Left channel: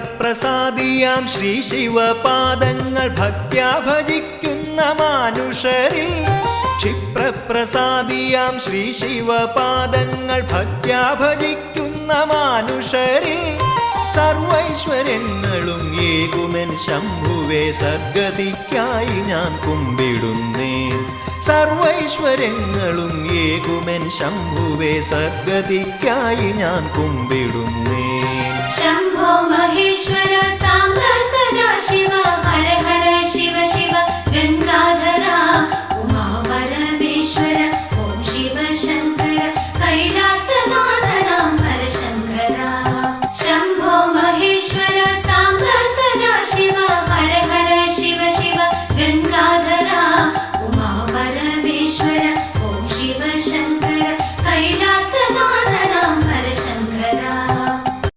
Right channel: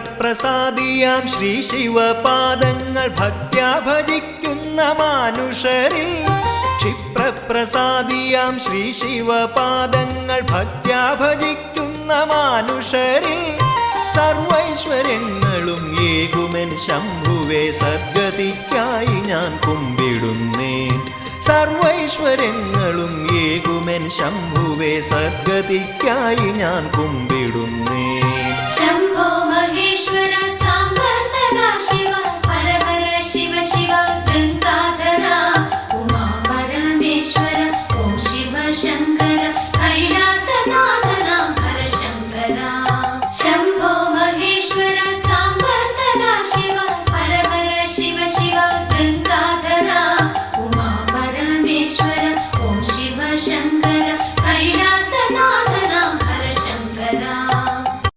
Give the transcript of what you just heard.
ക്ഷിപ്രപ്രസാദിയാം ശ്രീ ശിവപാദങ്ങൾ ഭക്ത്യാ ഭജിക്കുന്ന മാനുഷരിൽ ക്ഷിപ്രപ്രസാദിയാം ശ്രീ ശിവപാദങ്ങൾ ഭക്ത്യാ ഭജിക്കുന്ന മാനുഷരിൽ സർവൈശ്വര്യങ്ങളും ഏകുമെൻ ശംഭുവേ സദ്ഗതിക്കായി ഞാൻ കുമ്പിടുന്നേൻ സർവൈശ്വര്യങ്ങളും ഏകുമെൻ ശംഭുവേ സദ്ഗതിക്കായി ഞാൻ കുമ്പിടുന്നേൻ